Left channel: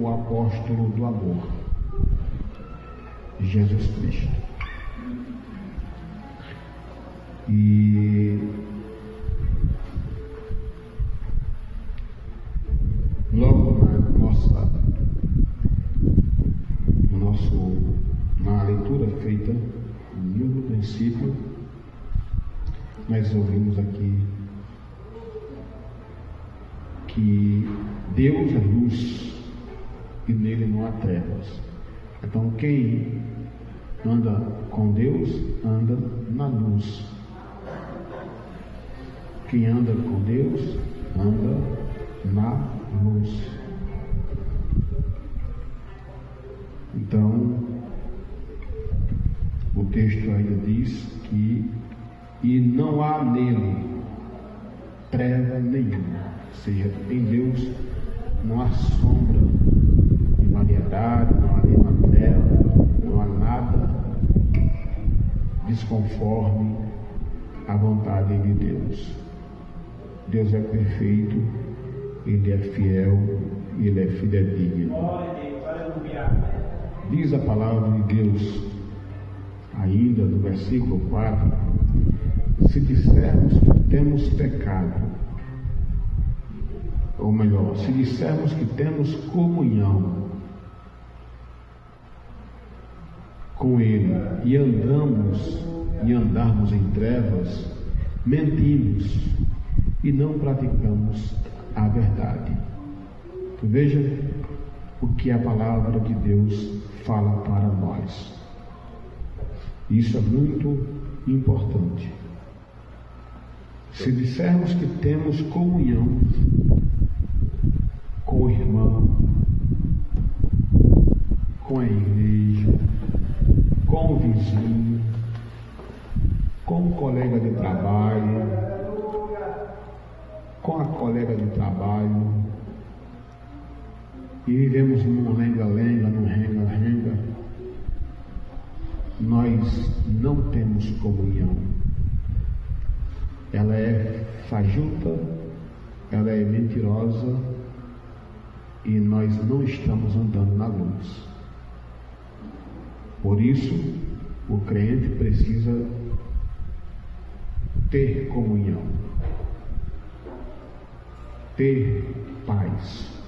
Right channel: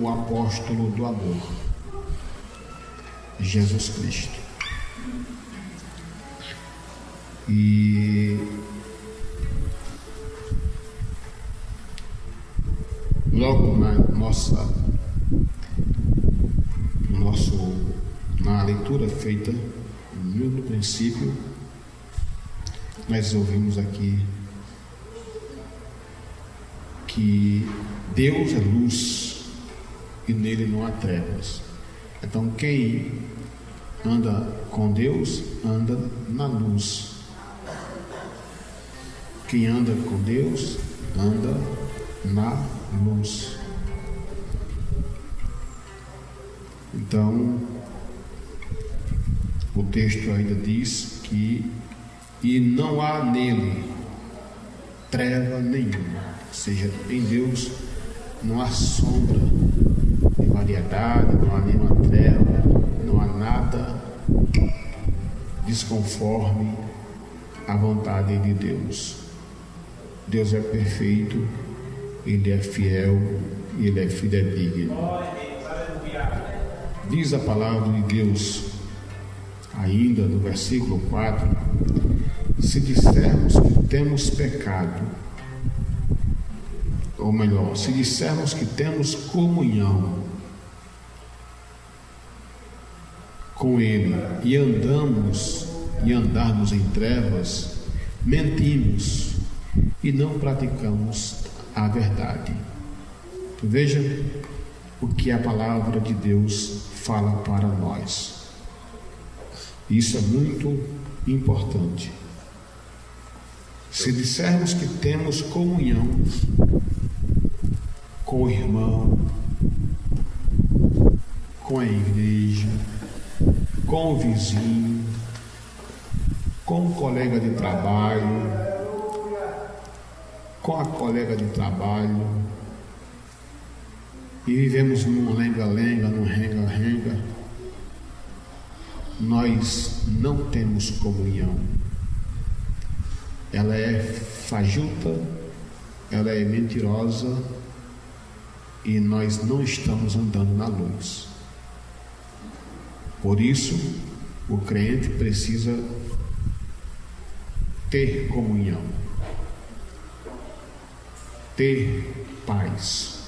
o apóstolo do amor, Jesus Cristo. E logo na leitura feita no princípio, nós ouvimos aqui que Deus é luz e nele não há trevas. Então quem anda com Deus anda na luz. Quem anda com Deus anda na luz. Então o texto ainda diz que e não há nele treva nenhuma, ou seja, em Deus não há sombra de variedade, não há nenhuma treva, não há nada desconforme a vontade de Deus. Deus é perfeito, Ele é fiel e Ele é fidedigno. Diz a palavra de Deus ainda no versículo 4: se dissermos que temos pecado, ou melhor, se dissermos que temos comunhão com Ele e andarmos em trevas, mentimos e não praticamos a verdade. Veja o que a palavra de Deus fala para nós. Isso é muito importante. Se dissermos que temos comunhão com o irmão, com a igreja, com o vizinho, com o colega de trabalho, com a colega de trabalho, e vivemos num lenga-lenga, num renga-renga, nós não temos comunhão. Ela é fajuta, ela é mentirosa e nós não estamos andando na luz. Por isso, o crente precisa ter comunhão, ter paz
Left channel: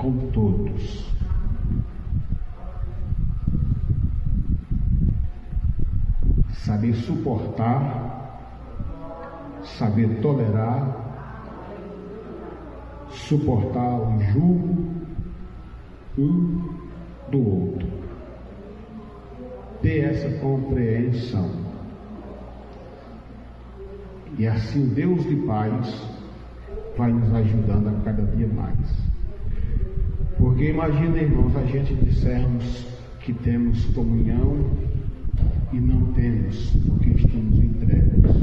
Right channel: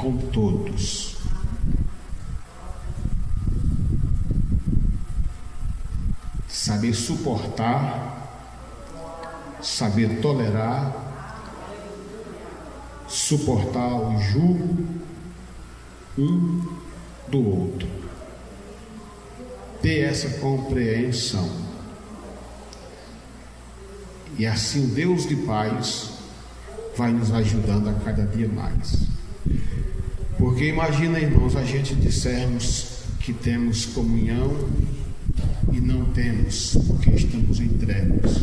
com todos. Saber suportar, saber tolerar, suportar o jugo um do outro, ter essa compreensão, e assim o Deus de paz vai nos ajudando a cada dia mais. Porque imagina, irmãos, a gente dissermos que temos comunhão e não temos, porque estamos em trevas,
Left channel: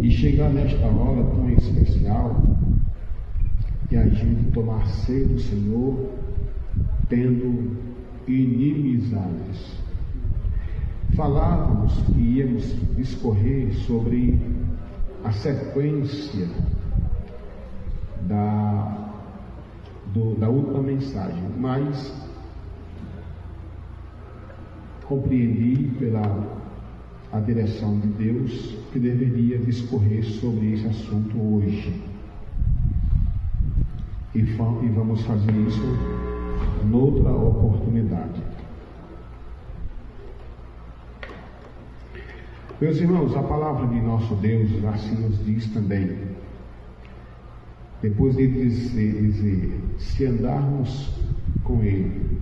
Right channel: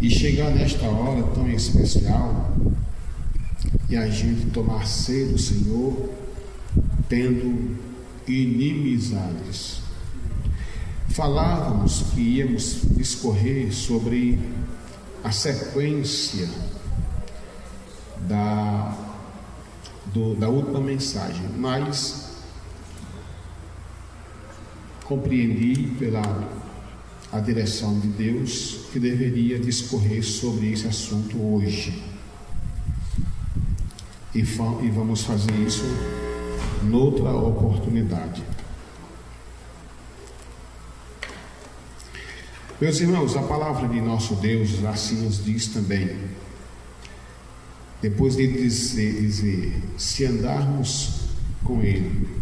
e chegar nesta hora tão especial e a gente tomar ceia do Senhor tendo inimizades. Falávamos que íamos discorrer sobre a sequência da última mensagem, mas compreendi pela a direção de Deus que deveria discorrer sobre esse assunto hoje, e vamos fazer isso noutra oportunidade. Meus irmãos, a palavra de nosso Deus assim nos diz também, depois de dizer se andarmos com Ele,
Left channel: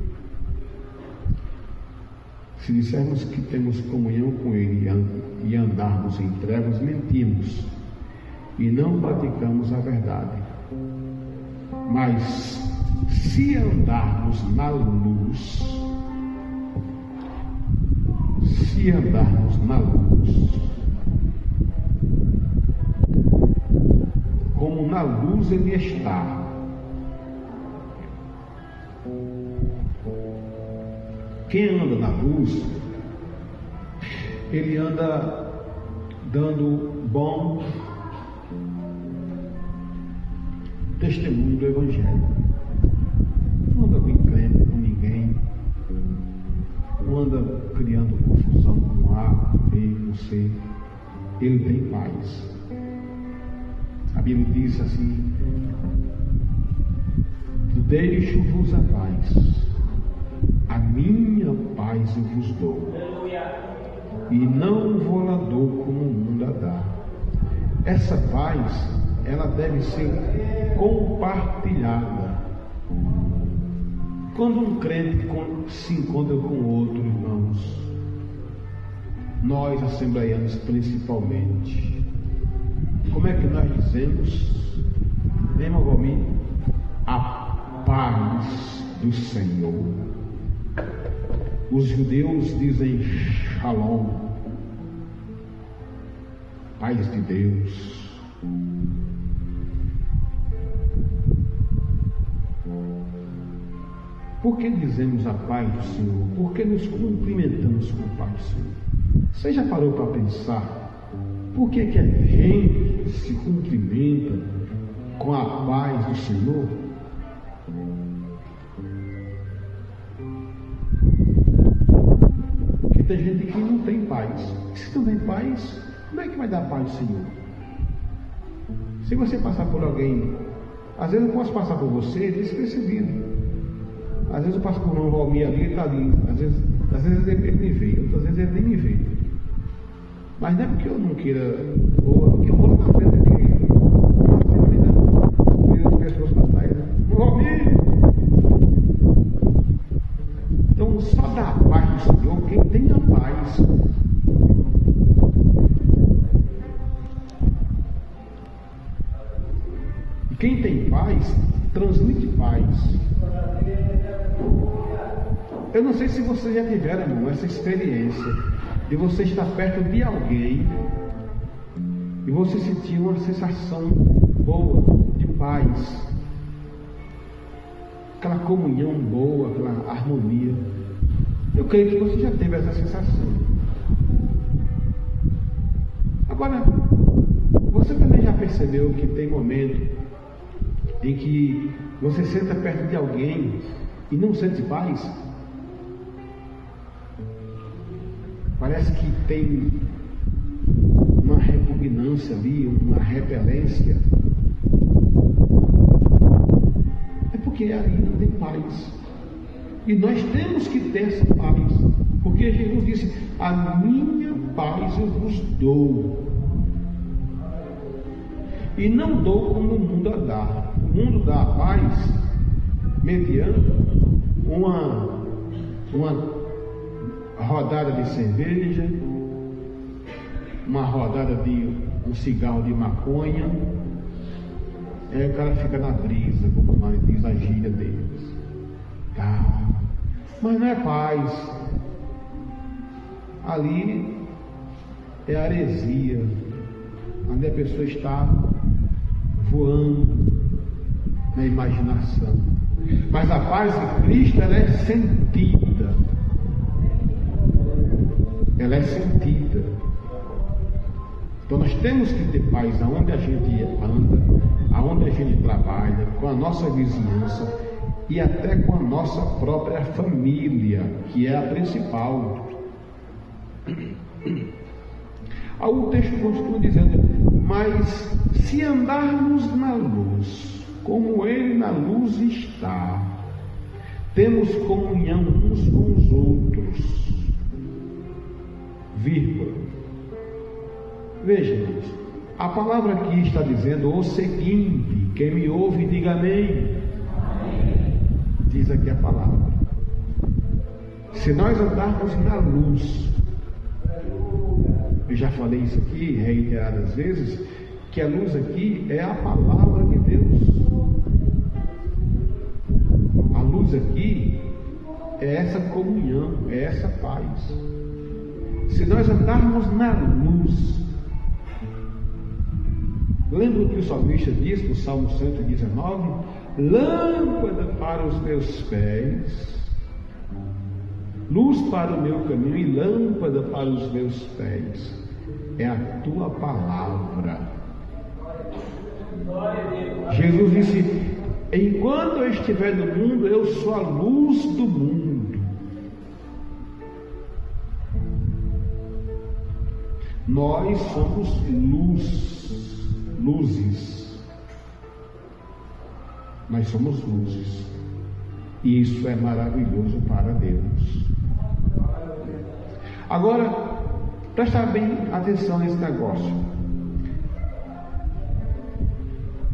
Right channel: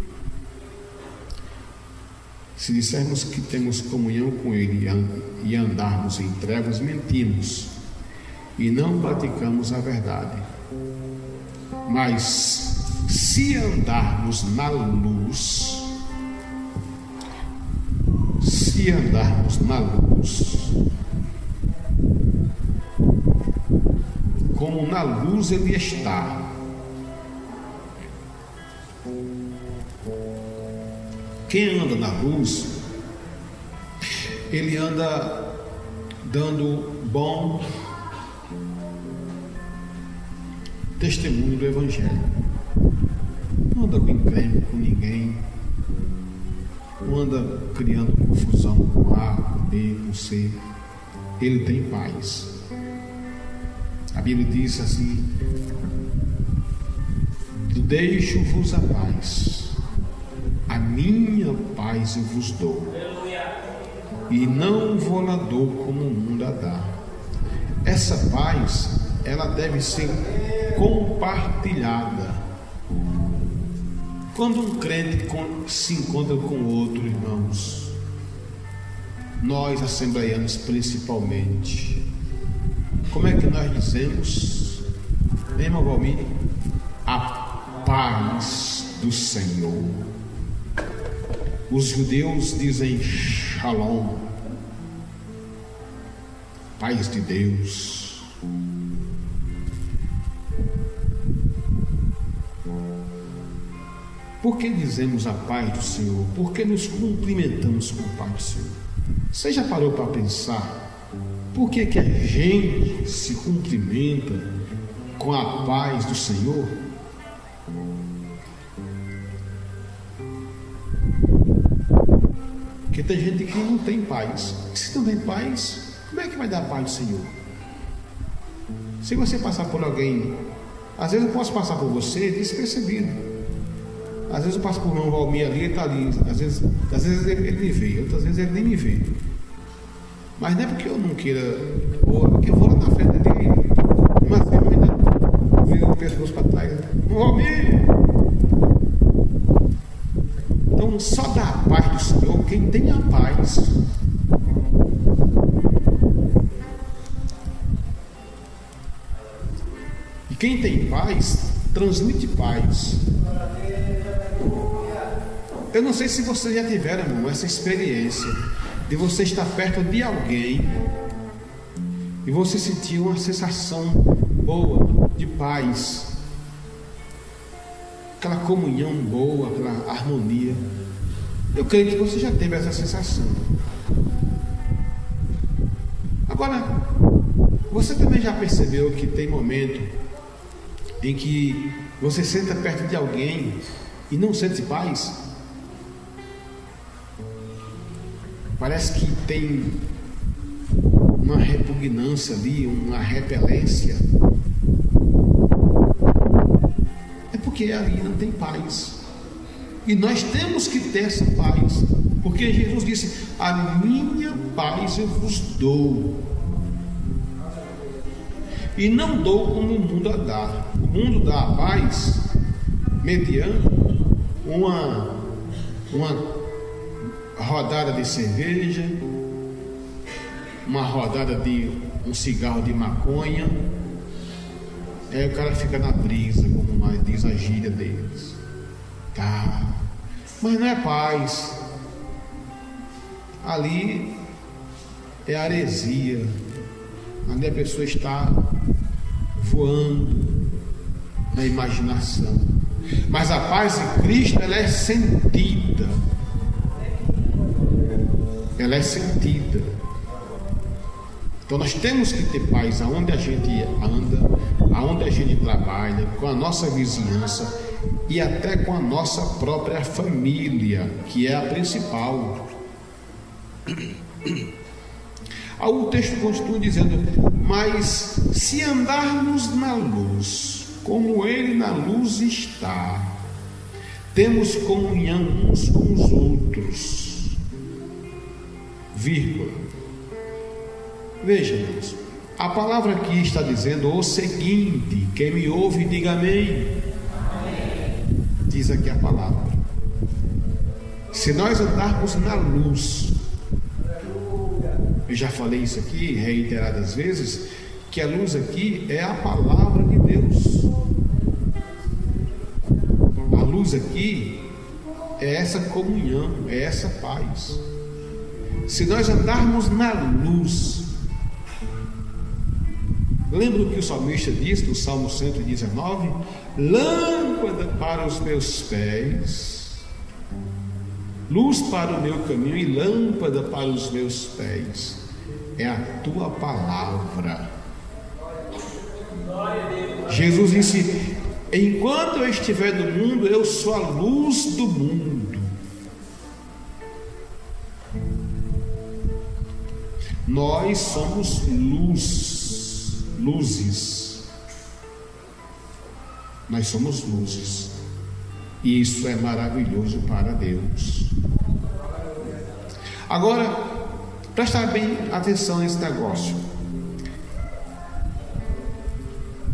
se dissermos que temos comunhão com Ele e andarmos em trevas, mentimos e não praticamos a verdade. Mas se andarmos na luz, como na luz Ele está, quem anda na luz, ele anda dando bom testemunho do Evangelho. não anda com encrenca com ninguém, não anda criando confusão com A, com B, com C. Ele tem paz. A Bíblia diz assim: deixo-vos a paz, a minha paz eu vos dou, e não vou lá dou como o mundo a dá. Essa paz, ela deve ser compartilhada. Quando um crente se encontra com outro, irmãos, nós assembleianos principalmente, como é que nós dizemos, irmão Valmir? A paz do Senhor. Os judeus dizem Shalom, paz de Deus. Por que dizemos a paz do Senhor? Por que nos cumprimentamos com a paz do Senhor? Você já parou para pensar por que a gente se cumprimenta com a paz do Senhor? Porque tem gente que não tem paz. Se não tem paz, como é que vai dar a paz do Senhor? Se você passar por alguém, às vezes eu posso passar por você despercebido. Às vezes eu passo por um Valmir ali, ele está ali. Às vezes ele me vê, outras vezes ele nem me vê. Mas não é porque eu não queira, ou porque eu vou lá na frente dele, mas eu ainda viro o pescoço para trás. Valmir! Então só dá a paz do Senhor quem tem a paz. E quem tem paz, transmite paz. Eu não sei se vocês já tiveram, irmão, essa experiência de você estar perto de alguém e você sentir uma sensação boa de paz, aquela comunhão boa, aquela harmonia. Eu creio que você já teve essa sensação. Agora, você também já percebeu que tem momento em que você senta perto de alguém e não sente paz? Parece que tem uma repugnância ali, uma repelência. É porque ali não tem paz. E nós temos que ter essa paz. Porque Jesus disse: a minha paz eu vos dou. E não dou como o mundo a dá. O mundo dá a paz mediante uma rodada de cerveja, uma rodada de um cigarro de maconha. Aí o cara fica na brisa, como mais diz a gíria deles. Tá. Mas não é paz. Ali é heresia. Ali a pessoa está voando na imaginação. Mas a paz de Cristo, ela é sentida. Ela é sentida. Então nós temos que ter paz aonde a gente anda, aonde a gente trabalha, com a nossa vizinhança e até com a nossa própria família, que é a principal. O texto continua dizendo: mas se andarmos na luz, como Ele na luz está, temos comunhão uns com os outros. Vírgula. Veja, irmãos, a palavra aqui está dizendo o seguinte: quem me ouve, diga amém. Amém. Diz aqui a palavra: se nós andarmos na luz, eu já falei isso aqui reiteradas vezes, que a luz aqui é a palavra de Deus. A luz aqui é essa comunhão, é essa paz. Se nós andarmos na luz, lembra o que o salmista diz no Salmo 119? Lâmpada para os meus pés, luz para o meu caminho e lâmpada para os meus pés é a tua palavra. Jesus disse: enquanto eu estiver no mundo, eu sou a luz do mundo. Nós somos luzes. Nós somos luzes. E isso é maravilhoso para Deus. Agora, prestar bem atenção nesse negócio.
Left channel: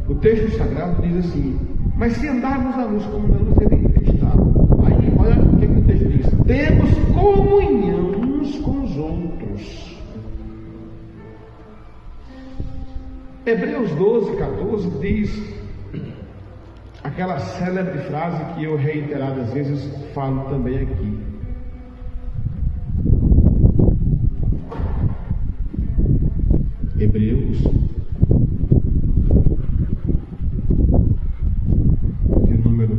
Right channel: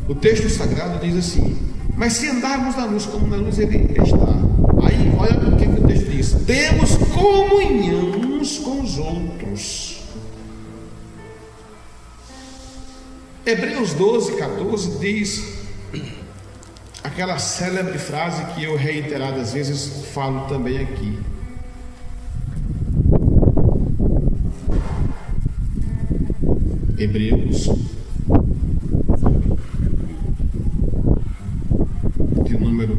O texto sagrado diz assim: mas se andarmos na luz como na luz ele está. Aí olha o que o texto diz: temos comunhão uns com os outros. Hebreus 12, 14 diz aquela célebre frase que eu reiteradas vezes falo também aqui: Hebreus de número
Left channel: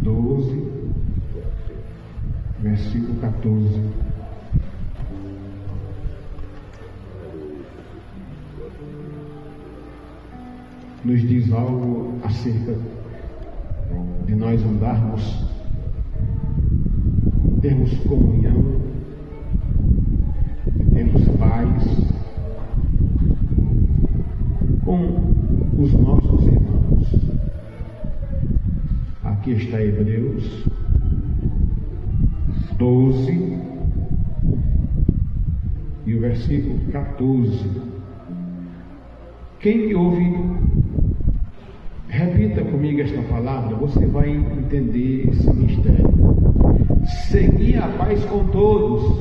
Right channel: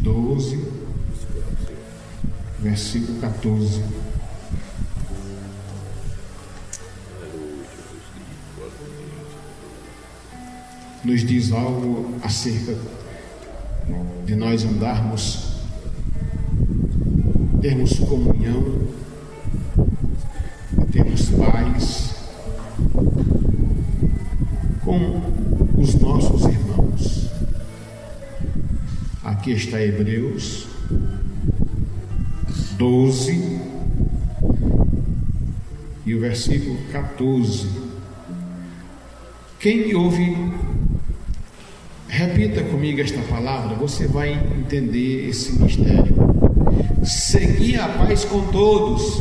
12, versículo 14. Nos diz algo acerca de nós andarmos, termos comunhão, termos paz com os nossos irmãos. Aqui está Hebreus 12 e o versículo 14. Quem me ouve, repita comigo esta palavra, você vai entender esse mistério. Segui a paz com todos.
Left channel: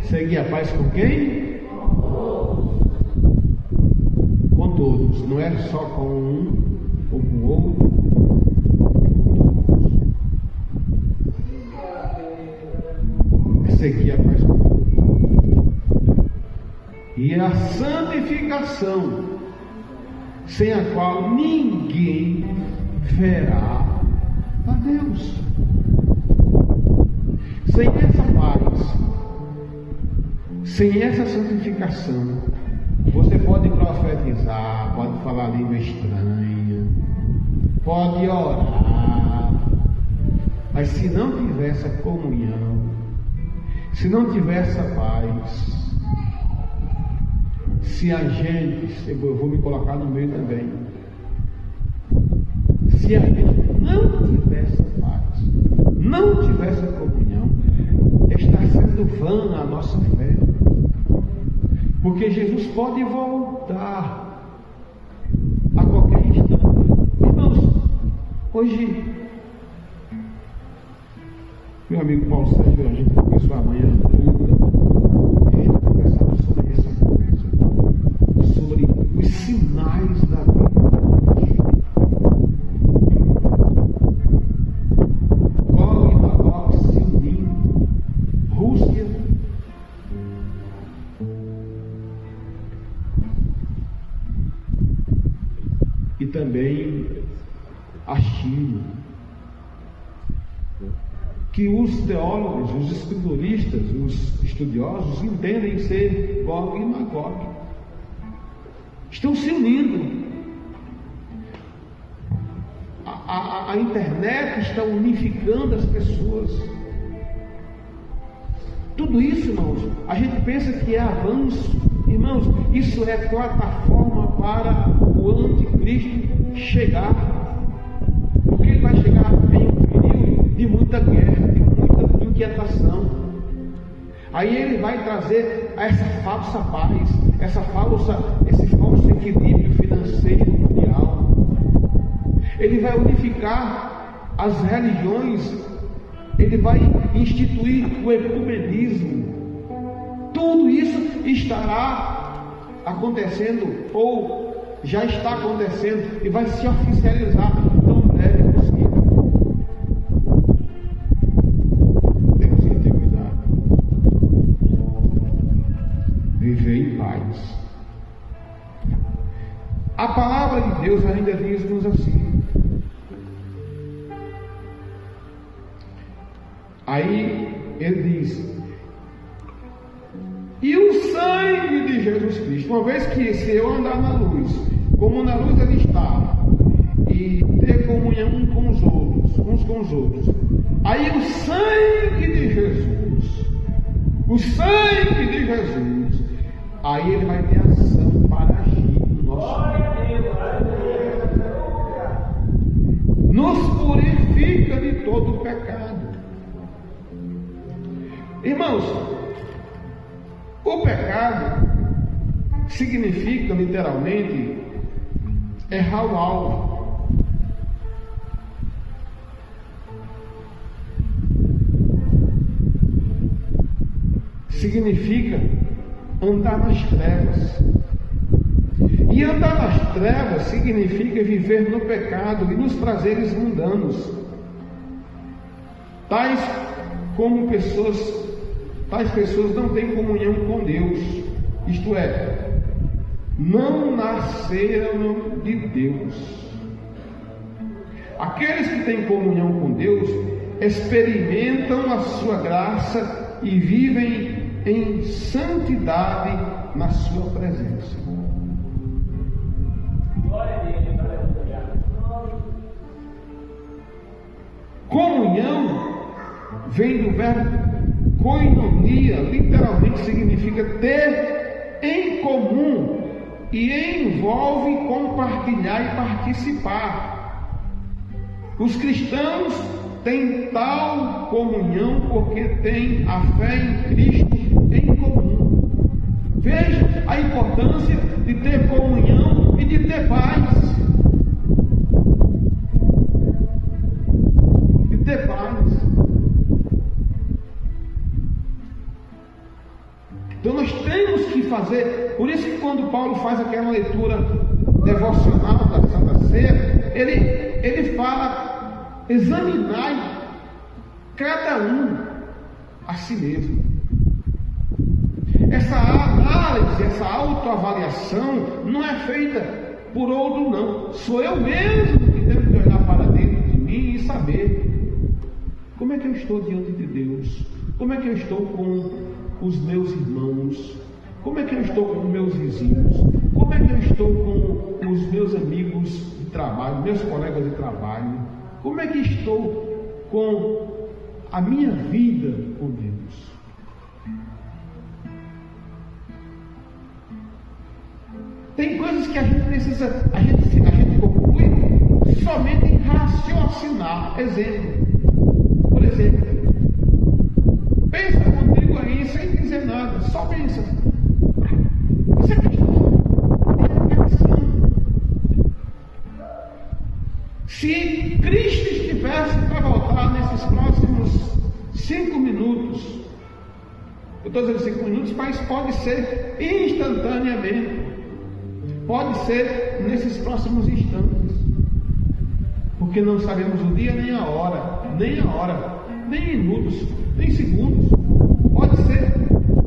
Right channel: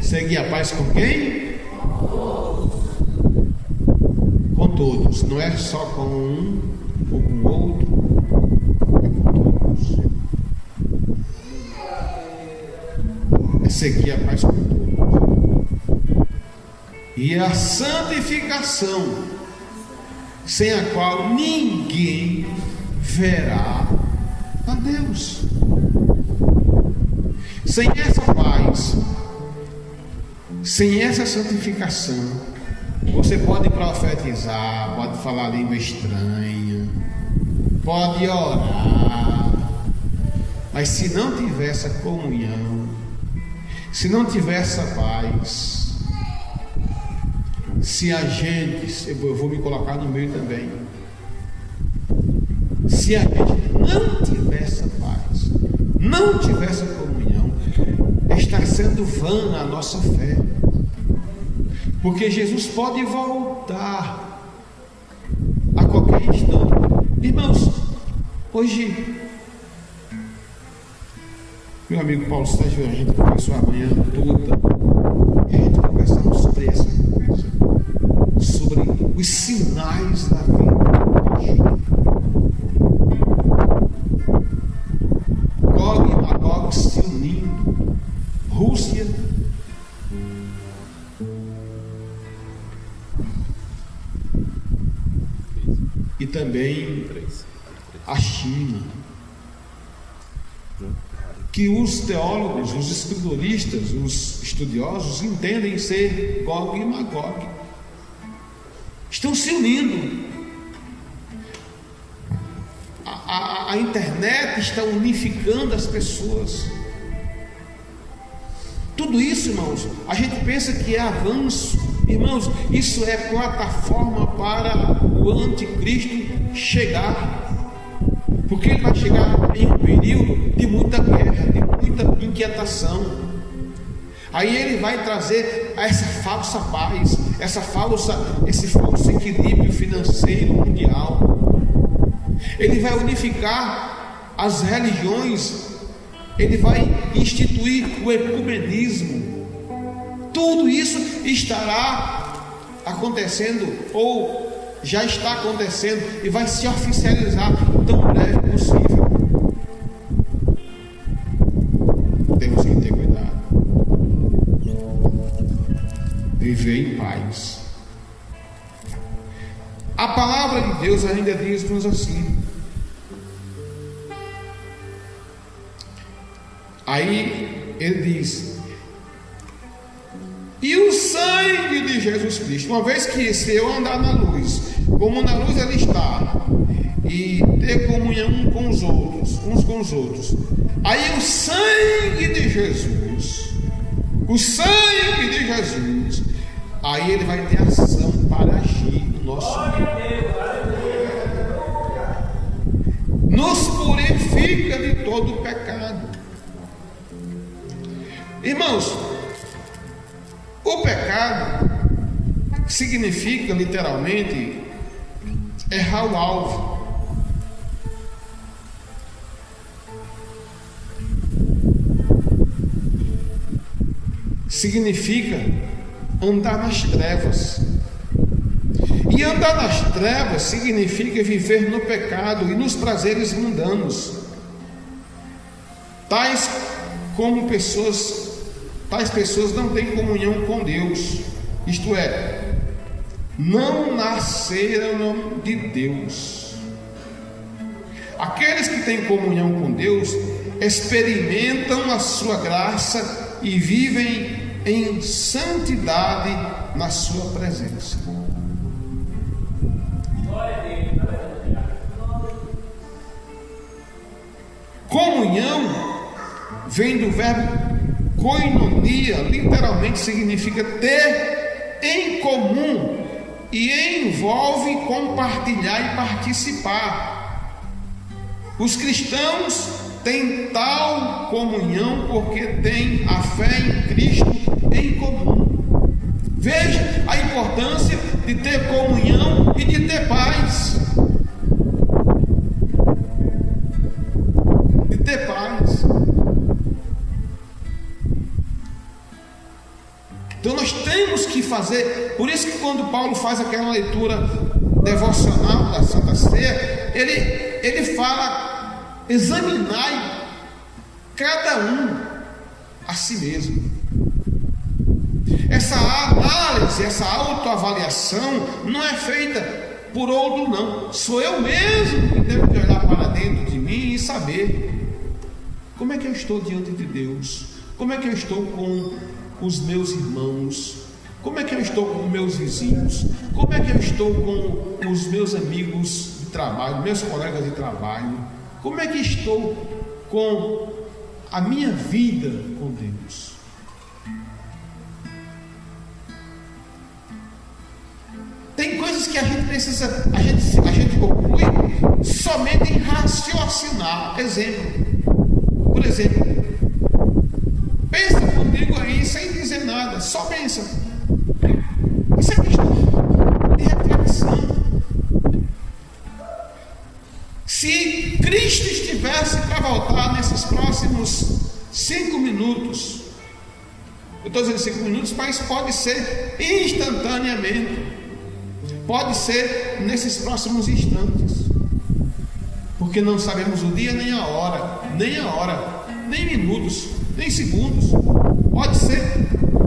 Segui a paz com quem? Com todos. Não é só com um ou com outro, é com todos. É seguir a paz com todos. E a santificação, sem a qual ninguém verá a Deus. Sem essa paz, sem essa santificação, você pode profetizar, pode falar língua estranha, pode orar, mas se não tiver essa comunhão, se não tiver essa paz, se a gente, eu vou me colocar no meio também, se a gente não tiver essa paz, não tiver essa comunhão, está sendo vã a nossa fé, porque Jesus pode voltar a qualquer instante. Irmãos, hoje meu amigo Paulo Sérgio, a gente começou a manhã toda, e a gente conversava sobre essa coisa, sobre os sinais da vida. Gog e Magog se unindo, Rússia, e também a China, que os teólogos, os escrituristas, os estudiosos entendem ser Gog e Magog. Estão se unindo. A internet está unificando as pessoas. Tudo isso, irmãos, a gente pensa que é avanço. Irmãos, isso é plataforma para o anticristo chegar. Porque ele vai chegar em um período de muita guerra, de muita inquietação. Aí ele vai trazer essa falsa paz, esse falso equilíbrio financeiro mundial. Ele vai unificar as religiões, ele vai instituir o ecumenismo. Tudo isso estará acontecendo, ou já está acontecendo, e vai se oficializar tão breve possível. Temos que ter cuidado. Viver em paz. A palavra de Deus ainda diz-nos assim. Aí ele diz: e o sangue de Jesus Cristo. uma vez que se eu andar na luz, como na luz ela está, e ter comunhão uns com os outros, aí o sangue de Jesus, aí ele vai ter ação para agir no nosso meio. Nos purifica de todo o pecado. Irmãos, o pecado significa literalmente errar o alvo. Significa andar nas trevas. E andar nas trevas significa viver no pecado e nos prazeres mundanos. Tais pessoas não têm comunhão com Deus, isto é, não nasceram de Deus. Aqueles que têm comunhão com Deus experimentam a sua graça e vivem em santidade na sua presença. Comunhão vem do verbo koinonia, literalmente significa ter em comum e envolve compartilhar e participar. Os cristãos têm tal comunhão porque têm a fé em Cristo em comum. Veja a importância de ter comunhão e de ter paz. Então nós temos que fazer, por isso que quando Paulo faz aquela leitura devocional da Santa Ceia, ele fala: examinai cada um a si mesmo. Essa análise, essa autoavaliação não é feita por outro, não. Sou eu mesmo que tenho que olhar para dentro de mim e saber como é que eu estou diante de Deus, como é que eu estou com os meus irmãos, como é que eu estou com meus vizinhos, como é que eu estou com os meus amigos de trabalho, meus colegas de trabalho, como é que estou com a minha vida com Deus. Tem coisas que a gente precisa, a gente conclui somente em raciocinar. Por exemplo, pensa comigo aí sem dizer nada, só pensa. Isso é questão de reflexão. Se Cristo estivesse para voltar nesses próximos 5 minutos, eu estou dizendo 5 minutos, mas pode ser instantaneamente, pode ser nesses próximos instantes, porque não sabemos o dia nem a hora, nem minutos, nem segundos. Pode ser,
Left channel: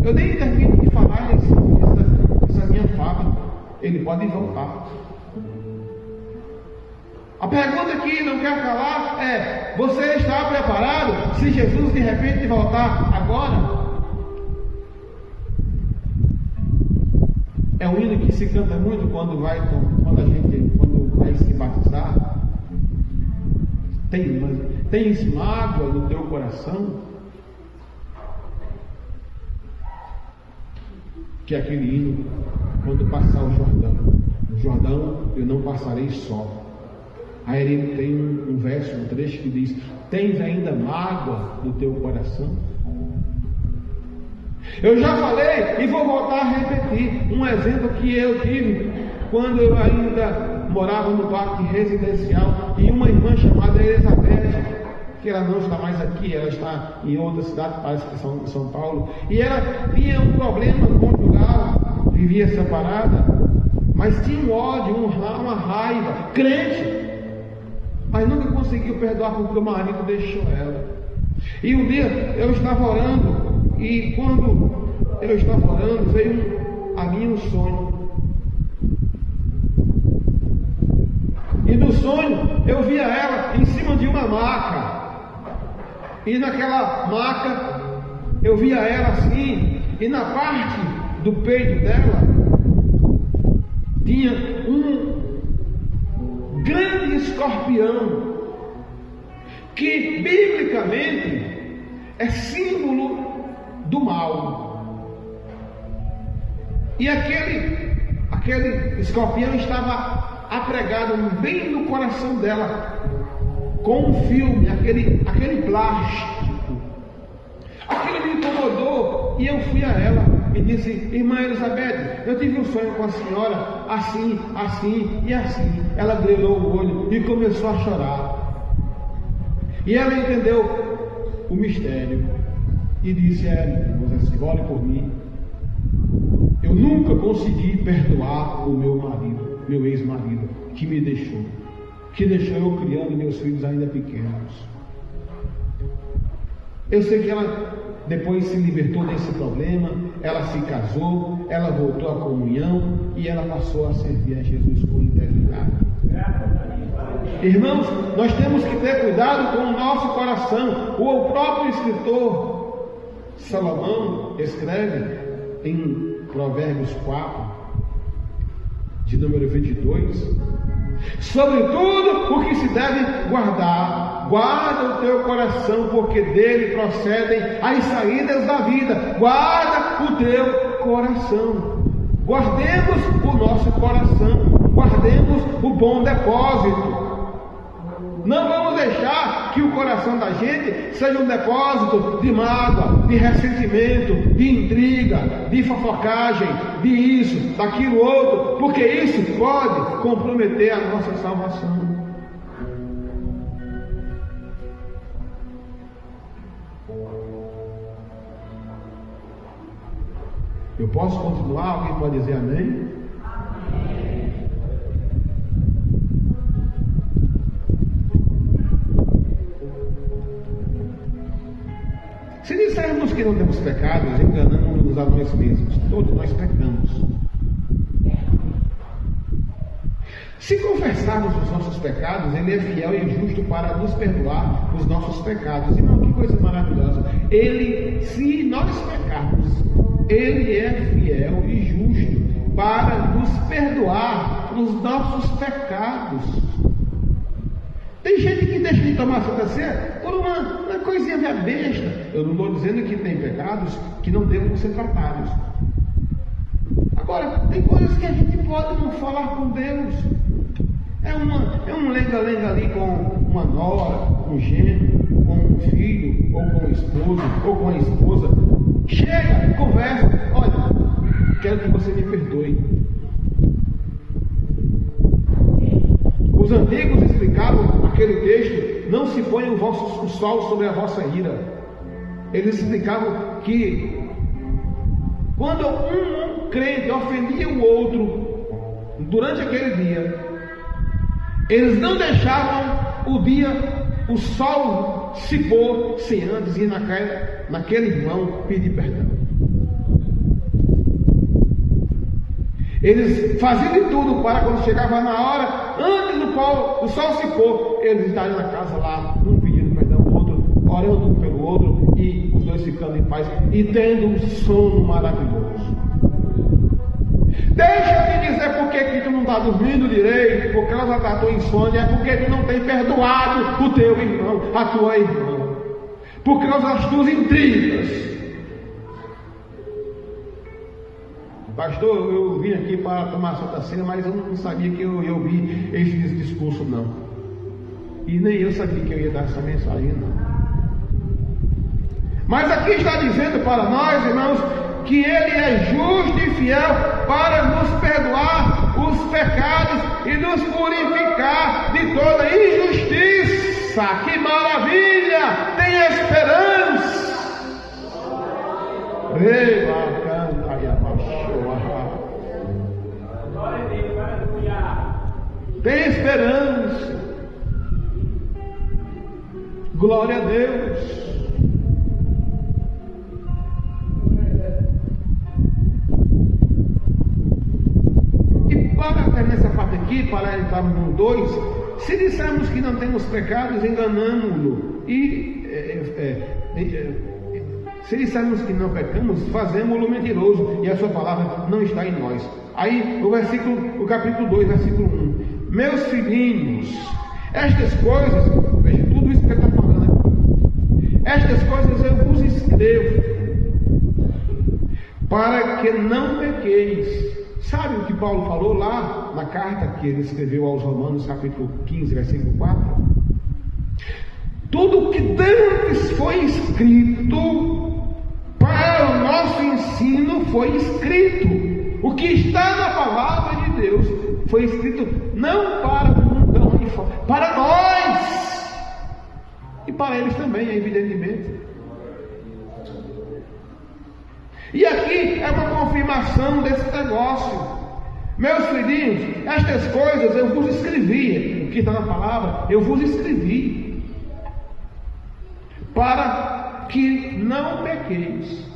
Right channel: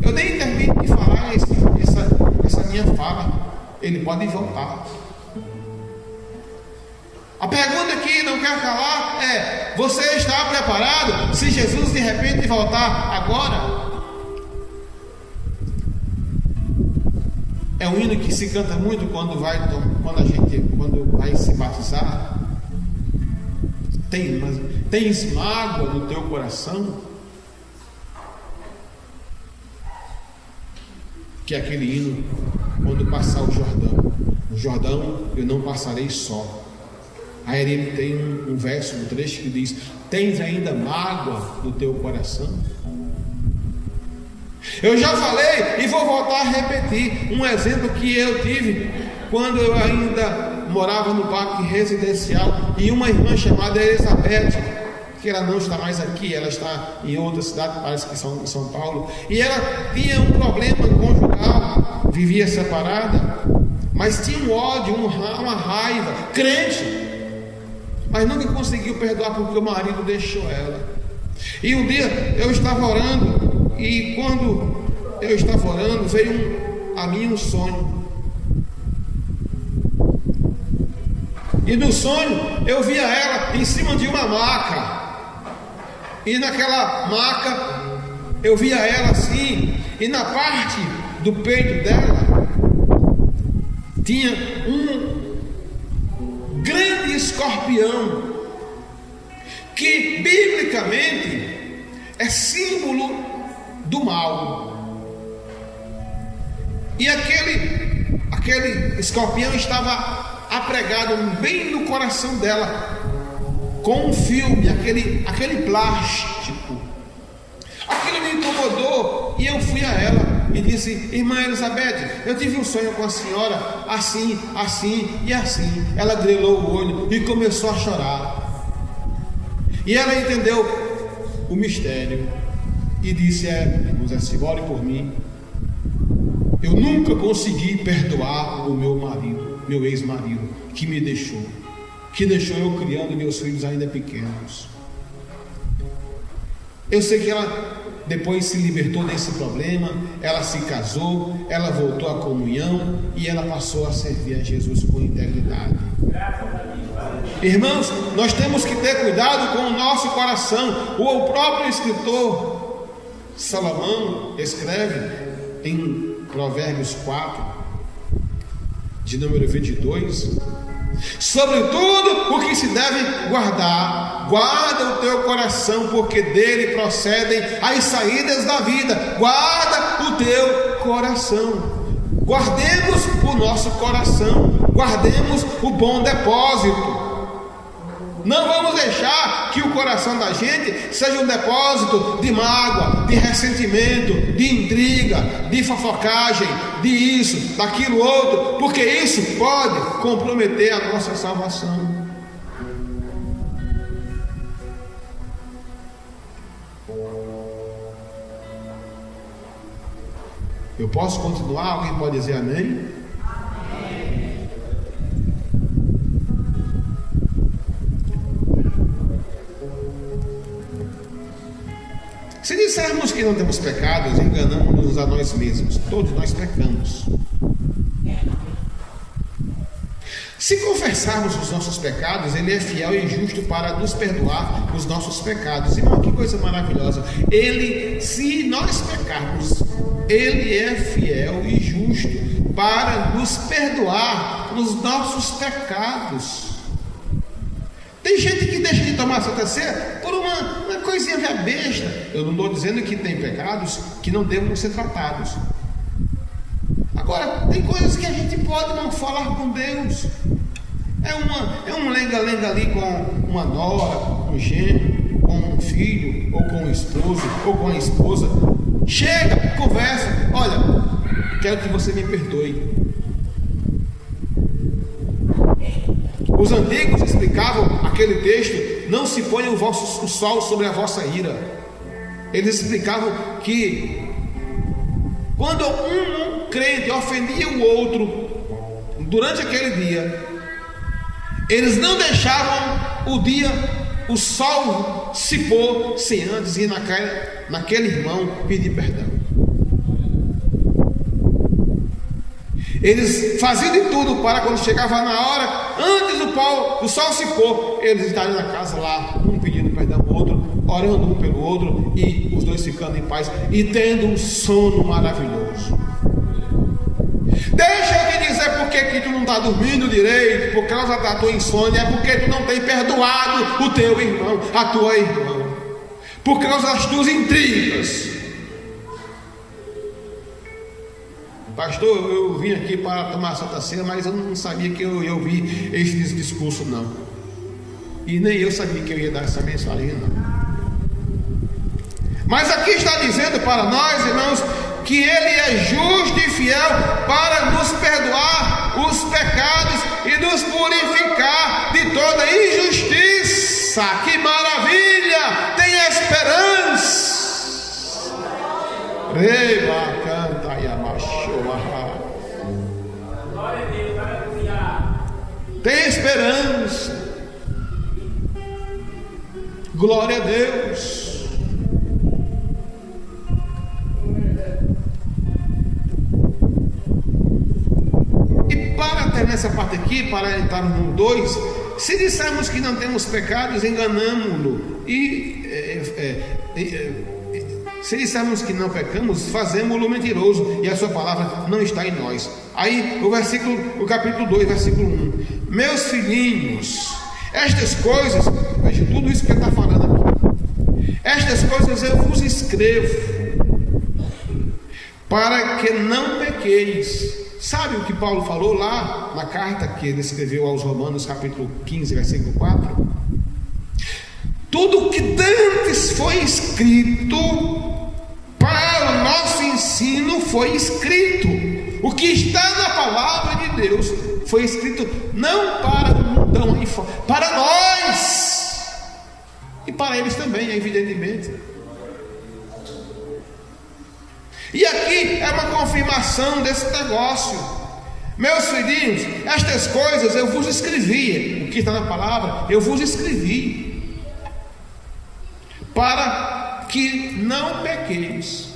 eu nem termino de falar essa minha fala, ele pode voltar. A pergunta que não quer calar é: você está preparado se Jesus de repente voltar agora? É um hino que se canta muito quando vai se batizar. Tens mágoa no teu coração? Que é aquele hino quando passar o Jordão eu não passarei só. Aí ele tem um verso, um trecho que diz: tens ainda mágoa no teu coração? Eu já falei e vou voltar a repetir um exemplo que eu tive quando eu ainda morava no parque residencial, e uma irmã chamada Elizabeth, que ela não está mais aqui, ela está em outra cidade, parece que em São Paulo, e ela tinha um problema conjugal, vivia separada, mas tinha um ódio, uma raiva, crente, mas nunca conseguiu perdoar porque o marido deixou ela. E um dia eu estava orando, e quando eu estava orando, veio a mim um sonho. E no sonho eu via ela em cima de uma maca, e naquela maca eu via ela assim, e na parte do peito dela tinha um grande escorpião, que biblicamente é símbolo do mal. E aquele escorpião estava apregado bem no coração dela, com um filme, aquele plástico. Aquilo me incomodou e eu fui a ela e disse: irmã Elizabeth, eu tive um sonho com a senhora, assim, assim e assim. Ela grelou o olho e começou a chorar. E ela entendeu o mistério e disse: irmã, assim, ore por mim. Eu nunca consegui perdoar o meu marido, meu ex-marido, que me deixou. Que deixou eu criando meus filhos ainda pequenos. Eu sei que ela depois se libertou desse problema, ela se casou, ela voltou à comunhão e ela passou a servir a Jesus com integridade. Irmãos, nós temos que ter cuidado com o nosso coração. O próprio escritor Salomão escreve em Provérbios 4, de número 22: sobretudo o que se deve guardar, guarda o teu coração, porque dele procedem as saídas da vida. Guarda o teu coração. Guardemos o nosso coração, guardemos o bom depósito. Não vamos deixar que o coração da gente seja um depósito de mágoa, de ressentimento, de intriga, de fofocagem, de isso, daquilo outro, porque isso pode comprometer a nossa salvação. Eu posso continuar? Alguém pode dizer amém? Se dissermos que não temos pecados, enganamos-nos a nós mesmos. Todos nós pecamos. Se confessarmos os nossos pecados, Ele é fiel e justo para nos perdoar os nossos pecados. Irmão, que coisa maravilhosa! Se nós pecarmos, Ele é fiel e justo para nos perdoar os nossos pecados. Tem gente que deixa de tomar Santa Ceia por uma coisinha besta. Eu não estou dizendo que tem pecados que não devem ser tratados. Agora, tem coisas que a gente pode não falar com Deus. É um lenga-lenga ali com uma nora, com um genro, com um filho, ou com um esposo, ou com a esposa. Chega, conversa. Olha, quero que você me perdoe. Os antigos explicavam aquele texto: não se ponha o sol sobre a vossa ira. Eles explicavam que quando um crente ofendia o outro durante aquele dia, eles não deixavam o sol se pôr sem antes ir naquele irmão pedir perdão. Eles faziam de tudo para, quando chegava na hora, antes do sol se pôr, eles estariam na casa lá, um pedindo perdão ao outro, orando um pelo outro, e os dois ficando em paz e tendo um sono maravilhoso. Deixa eu te dizer por que tu não está dormindo direito, por causa da tua insônia, é porque tu não tem perdoado o teu irmão, a tua irmã, por causa das tuas intrigas. Pastor, eu vim aqui para tomar a Santa Ceia, mas eu não sabia que eu ia ouvir esse discurso, não. E nem eu sabia que eu ia dar essa mensagem, não. Mas aqui está dizendo para nós, irmãos, que Ele é justo e fiel para nos perdoar os pecados e nos purificar de toda injustiça. Que maravilha! Tem esperança. Tem esperança. Glória a Deus. E para terminar essa parte aqui, para entrar no 2, se dissermos que não temos pecados, enganamos-no. E Se dissermos que não pecamos, fazemos-lo mentiroso e a sua palavra não está em nós. Aí o capítulo 2, versículo 1. Meus filhinhos, estas coisas, veja tudo isso que ele está falando aqui. Estas coisas eu vos escrevo para que não pequeis. Sabe o que Paulo falou lá na carta que ele escreveu aos Romanos, capítulo 15, versículo 4? Tudo o que dantes foi escrito para o nosso ensino foi escrito. O que está na palavra de Deus foi escrito não para o mundão, para nós e para eles também, evidentemente. E aqui é uma confirmação desse negócio. Meus filhinhos, estas coisas eu vos escrevi. O que está na palavra, eu vos escrevi para que não pequeis.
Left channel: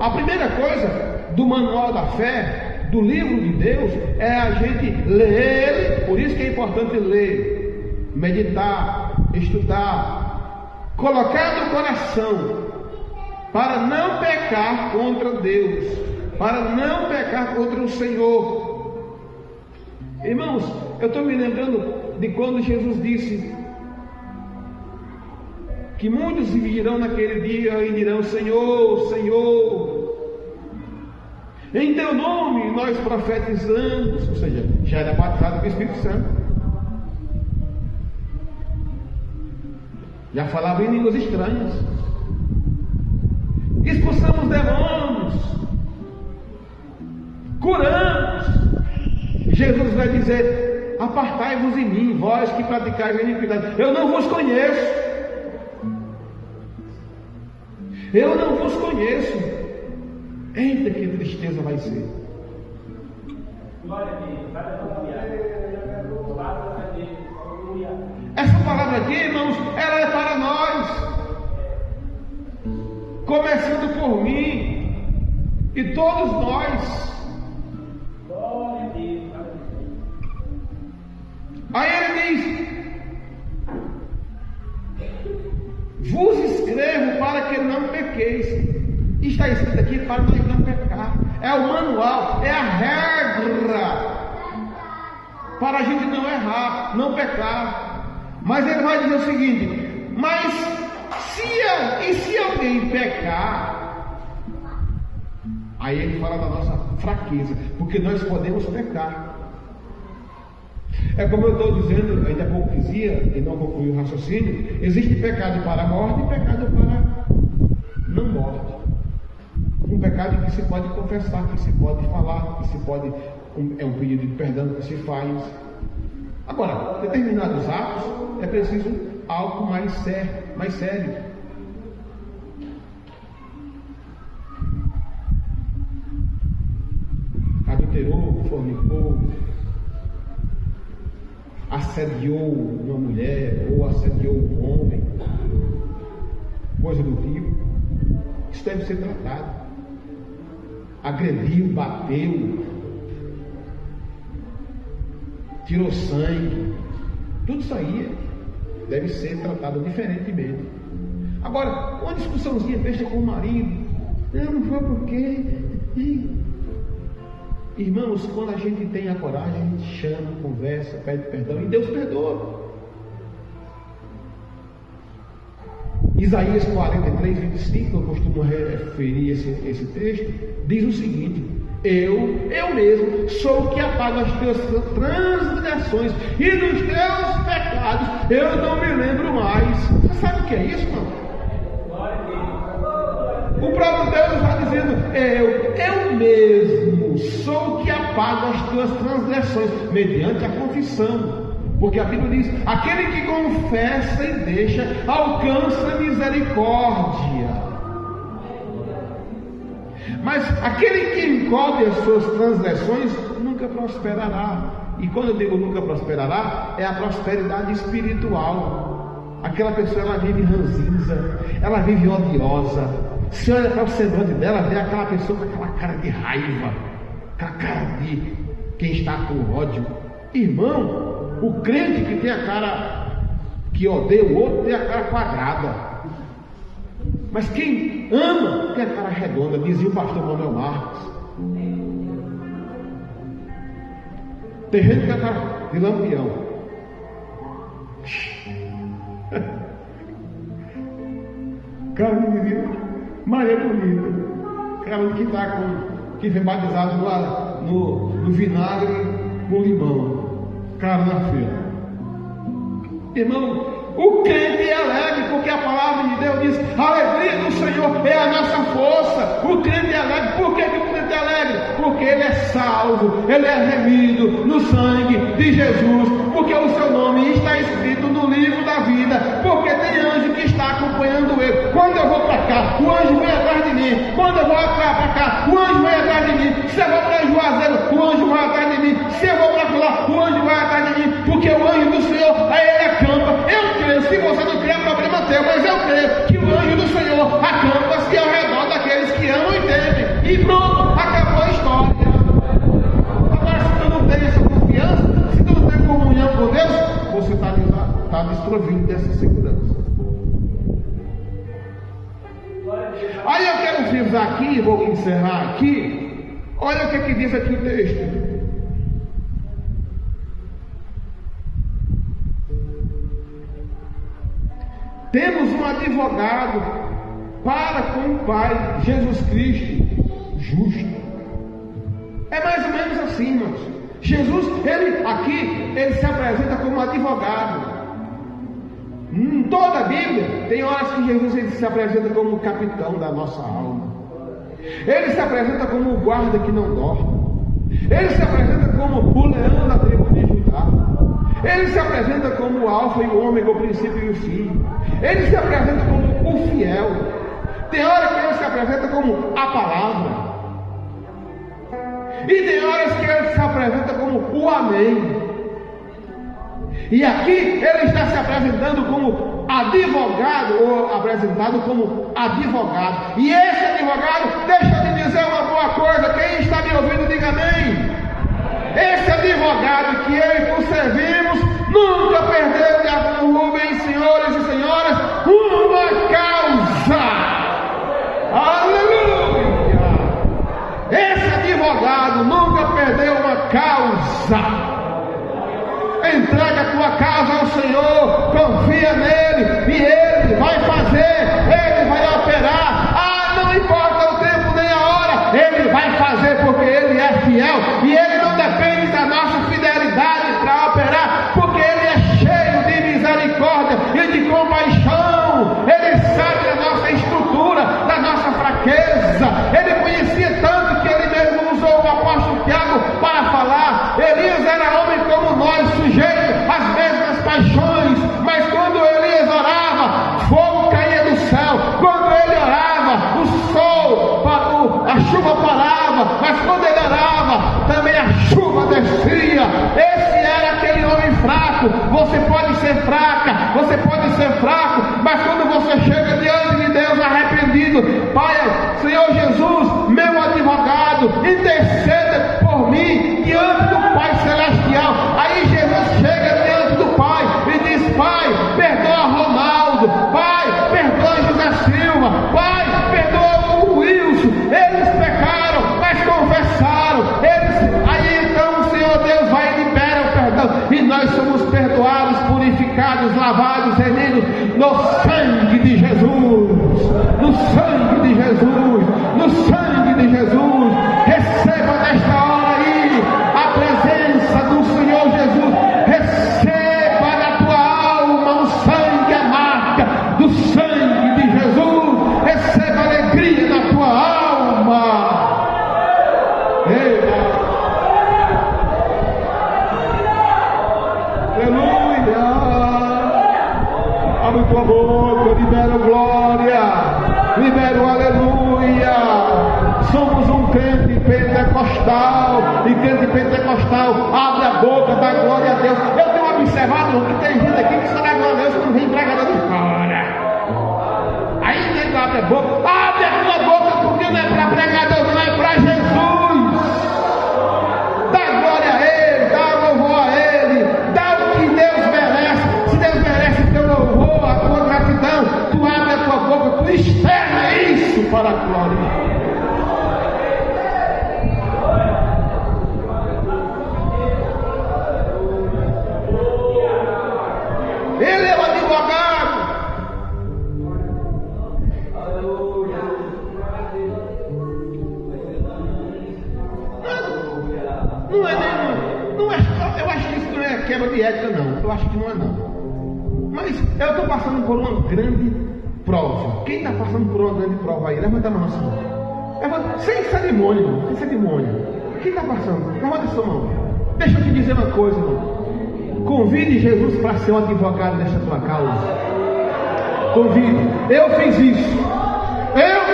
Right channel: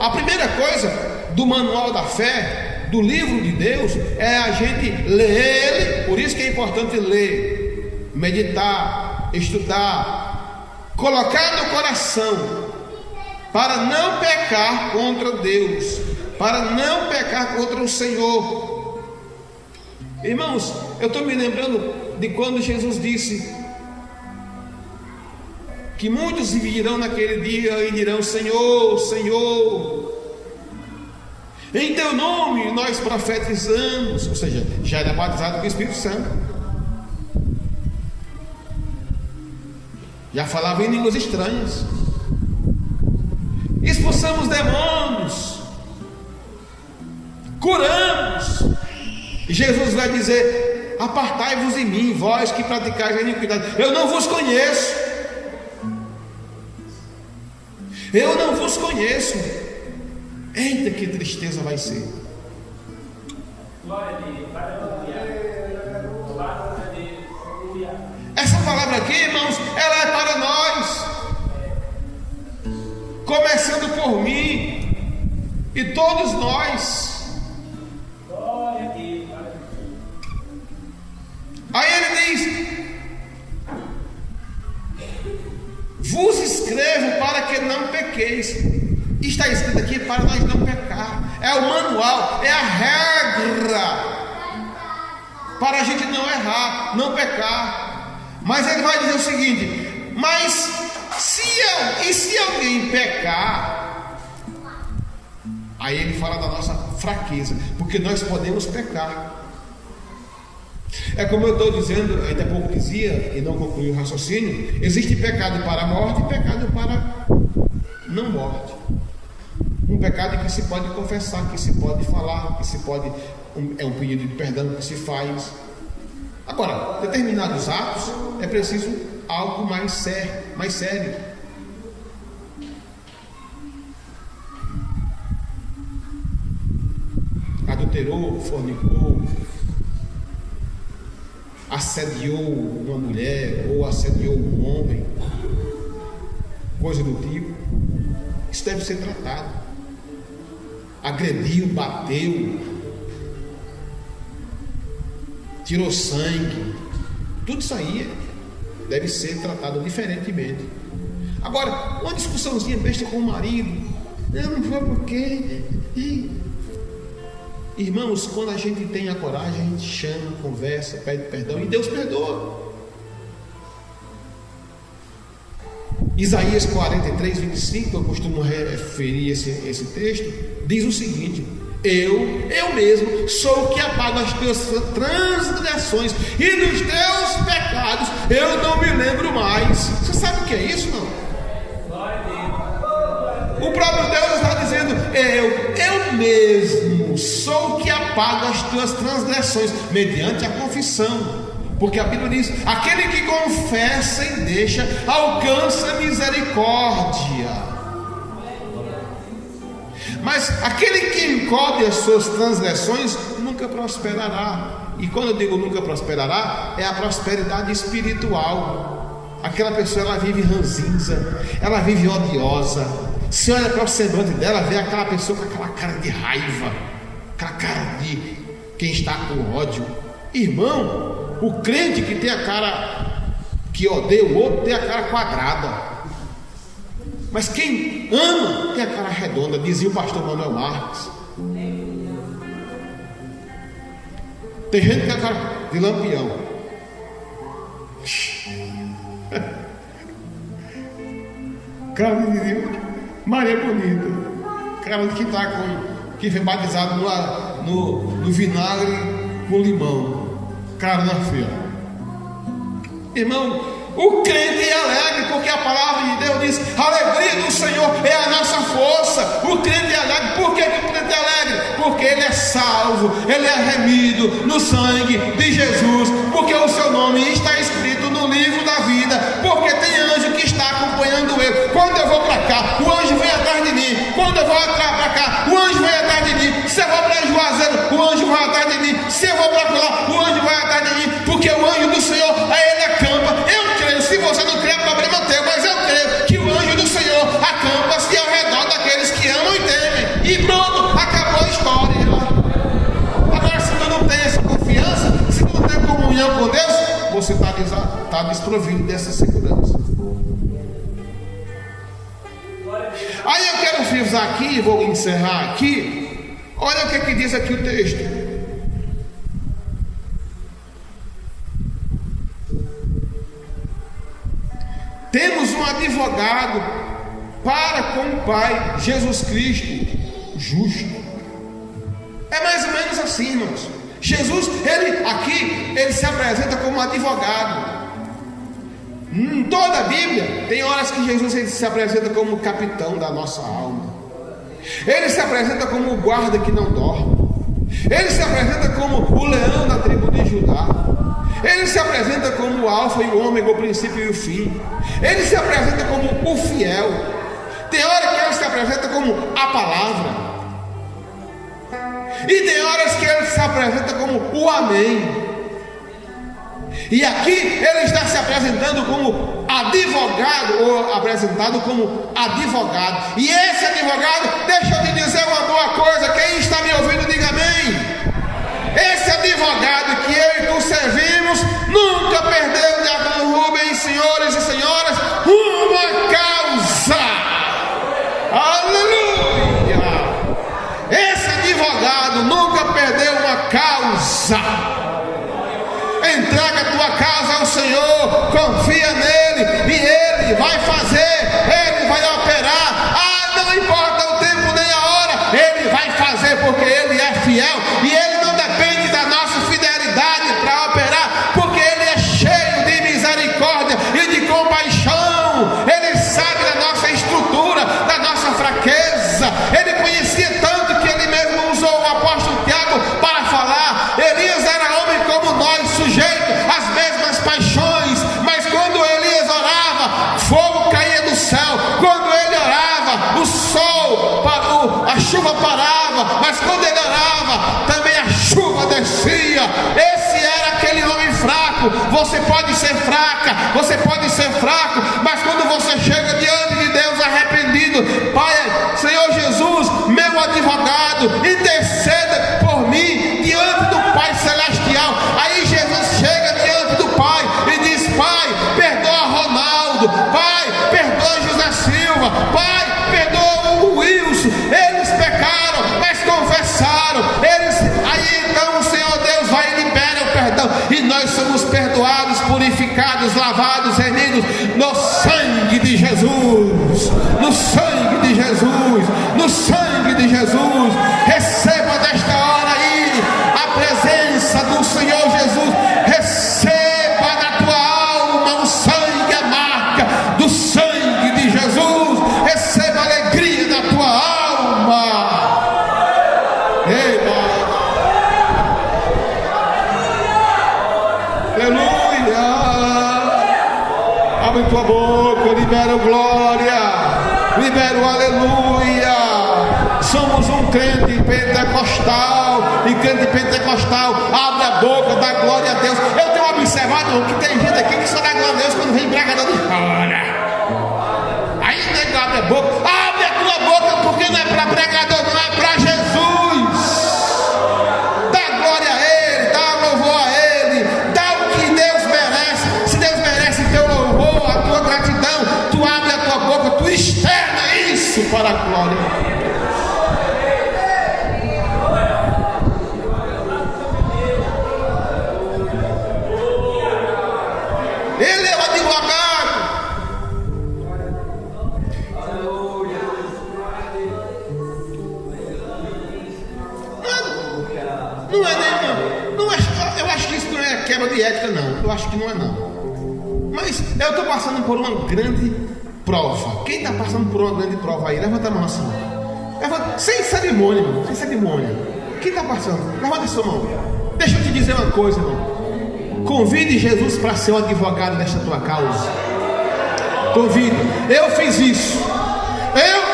A primeira coisa do manual da fé, do livro de Deus, é a gente ler ele. Por isso que é importante ler, meditar, estudar, colocar no coração, para não pecar contra Deus, para não pecar contra o Senhor. Irmãos, eu estou me lembrando de quando Jesus disse que muitos virão naquele dia e dirão: Senhor, Senhor, em teu nome nós profetizamos, ou seja, já era batizado com o Espírito Santo, já falava em línguas estranhas, expulsamos demônios, curamos. E Jesus vai dizer: apartai-vos de mim, vós que praticais a iniquidade, eu não vos conheço. Eu não vos conheço. Eita, que tristeza vai ser. Essa palavra aqui, irmãos, ela é para nós, começando por mim e todos nós. Aí ele diz: vos escrevo para que não pequeis. Está escrito aqui para nós não pecar. É o manual, é a regra para a gente não errar, não pecar. Mas ele vai dizer o seguinte: mas se alguém pecar, aí ele fala da nossa fraqueza, porque nós podemos pecar. É como eu estou dizendo, ainda há pouco dizia, e não concluí o raciocínio: existe pecado para a morte e pecado para não morte. Um pecado que se pode confessar, que se pode falar, que se pode, é um pedido de perdão que se faz. Agora, determinados atos é preciso algo mais sério. Adulterou, fornicou, assediou uma mulher ou assediou um homem, coisa do tipo, isso deve ser tratado. Agrediu, bateu, tirou sangue, tudo isso aí deve ser tratado diferentemente. Agora, uma discussãozinha besta com o marido, não foi porque... Irmãos, quando a gente tem a coragem, a gente chama, conversa, pede perdão e Deus perdoa. Isaías 43, 25, eu costumo referir esse texto, diz o seguinte: eu mesmo sou o que apago as tuas transgressões e dos teus pecados eu não me lembro mais. Você sabe o que é isso, não? O próprio Deus está dizendo: eu mesmo sou o que apaga as tuas transgressões, mediante a confissão. Porque a Bíblia diz: aquele que confessa e deixa, alcança misericórdia. Mas aquele que encobre as suas transgressões nunca prosperará. E quando eu digo nunca prosperará, é a prosperidade espiritual. Aquela pessoa, ela vive ranzinza, ela vive odiosa. Se olha para o semblante dela, vê aquela pessoa com aquela cara de raiva, aquela cara de quem está com ódio. Irmão, o crente que tem a cara que odeia o outro tem a cara quadrada. Mas quem ama tem a cara redonda, dizia o pastor Manuel Marques. Tem gente que tem a cara de lampião. Cara de Maria Bonita, cara que está com, que foi batizado no vinagre com limão, cara na feira. Irmão, o crente é alegre porque a palavra de Deus diz: a alegria do Senhor é a nossa força. O crente é alegre. Por que o crente é alegre? Porque ele é salvo, ele é remido no sangue de Jesus, porque o seu nome está escrito no livro da vida, porque tem anjo que está acompanhando ele. Quando eu vou para cá, o anjo vem atrás de mim. Quando eu vou para cá, o anjo vem atrás de mim. Se eu vou para Juazeiro, o anjo vai atrás de mim. Se eu vou para lá, o anjo vai atrás de mim, porque o anjo do Senhor, ele acampa. Eu creio, se você não crê, é problema teu, mas eu creio que o anjo do Senhor acampa-se ao redor daqueles que amam e temem. E pronto, acabou a história. Agora, se tu não tem essa confiança, se tu não tem comunhão com Deus, você está desprovido dessa segurança. Aí eu quero frisar aqui, vou encerrar aqui. Olha o que diz aqui o texto. Temos um advogado para com o Pai, Jesus Cristo, justo. É mais ou menos assim, irmãos. Jesus, ele se apresenta como advogado. Em toda a Bíblia, tem horas que Jesus ele se apresenta como o capitão da nossa alma. Ele se apresenta como o guarda que não dorme. Ele se apresenta como o leão da tribo de Judá. Ele se apresenta como o alfa e o ômega, o princípio e o fim. Ele se apresenta como o fiel. Tem hora que ele se apresenta como a palavra. E tem horas que ele se apresenta como o amém. E aqui ele está se apresentando como advogado, ou apresentado como advogado. E esse advogado, deixa eu te dizer uma boa coisa, quem está me ouvindo, diga amém. Esse advogado que eu e tu servimos, nunca perdeu de Rubens, senhores e senhoras, uma causa. Aleluia! Esse advogado nunca perdeu uma causa. Entrega a tua causa ao Senhor, confia nele e ele vai fazer, ele vai operar. Não importa o tempo nem a hora, ele vai fazer porque ele é fiel e ele não depende da nossa fidelidade para operar, porque ele é cheio de misericórdia e de compaixão. Ele sabe da nossa estrutura, da nossa fraqueza. Ele conhecia tanto que ele mesmo usou o apóstolo Tiago para falar. Elias era homem como nós, sujeito às mesmas paixões, mas quando Elias orava, fogo caía do céu. Quando ele orava, o sol parou, a chuva parava, mas quando ele orava, também a chuva descia. Esse era aquele homem fraco. Você pode ser fraca, você pode ser fraco, mas quando você chega diante de Deus arrependido, Pai, Senhor Jesus, meu advogado, interceda por mim diante do Pai Celestial. Aí Jesus chega diante do Pai e diz: Pai, perdoa Ronaldo, Pai, perdoa José Silva, Pai, perdoa o Wilson. Eles pecaram, mas confessaram. Aí então o Senhor Deus vai e libera o perdão, e nós somos perdoados, purificados, lavados, remidos no sangue de Jesus, no sangue de Jesus, no sangue de Jesus. Receba desta hora aí a presença do Senhor Jesus. Receba na tua alma o sangue, a marca do sangue de Jesus. Receba a alegria da tua alma. Aleluia! Abre tua boca, libera glória, libera o aleluia. Somos um crente pentecostal, e crente pentecostal abre a boca, dá glória a Deus. Eu tenho observado que tem gente aqui que só dá glória a Deus quando vem pregador de fora. Aí não abre a boca, abre a tua boca, porque não é para pregador, não é para Jesus. Dá glória a Ele, dá louvor a Ele, dá o que Deus merece. Se Deus merece teu louvor, a tua gratidão, tu abre a tua boca, tu externa de ética, não. Eu acho que não é, não. Mas eu estou passando por uma grande prova. Quem está passando por uma grande prova aí? Levanta a mão assim. Sem cerimônia, irmão. Sem cerimônia. Quem está passando? Levanta a sua mão. Deixa eu te dizer uma coisa, irmão. Convide Jesus para ser o advogado desta tua causa. Convide. Eu fiz isso. Eu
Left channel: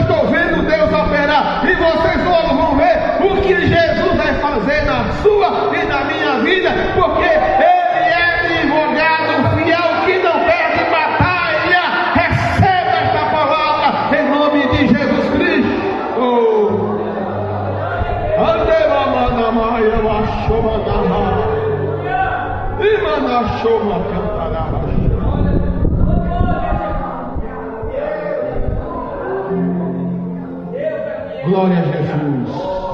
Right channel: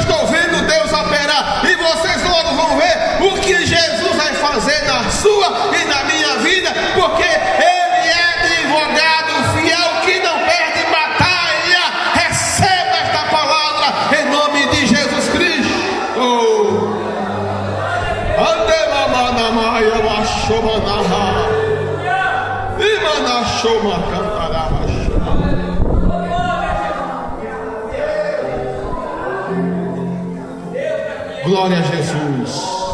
estou vendo Deus operar. E vocês logo vão ver o que Jesus vai fazer na sua e na minha vida. Porque Ele é advogado fiel que não perde batalha. Receba esta palavra em nome de Jesus Cristo. Glória a Jesus.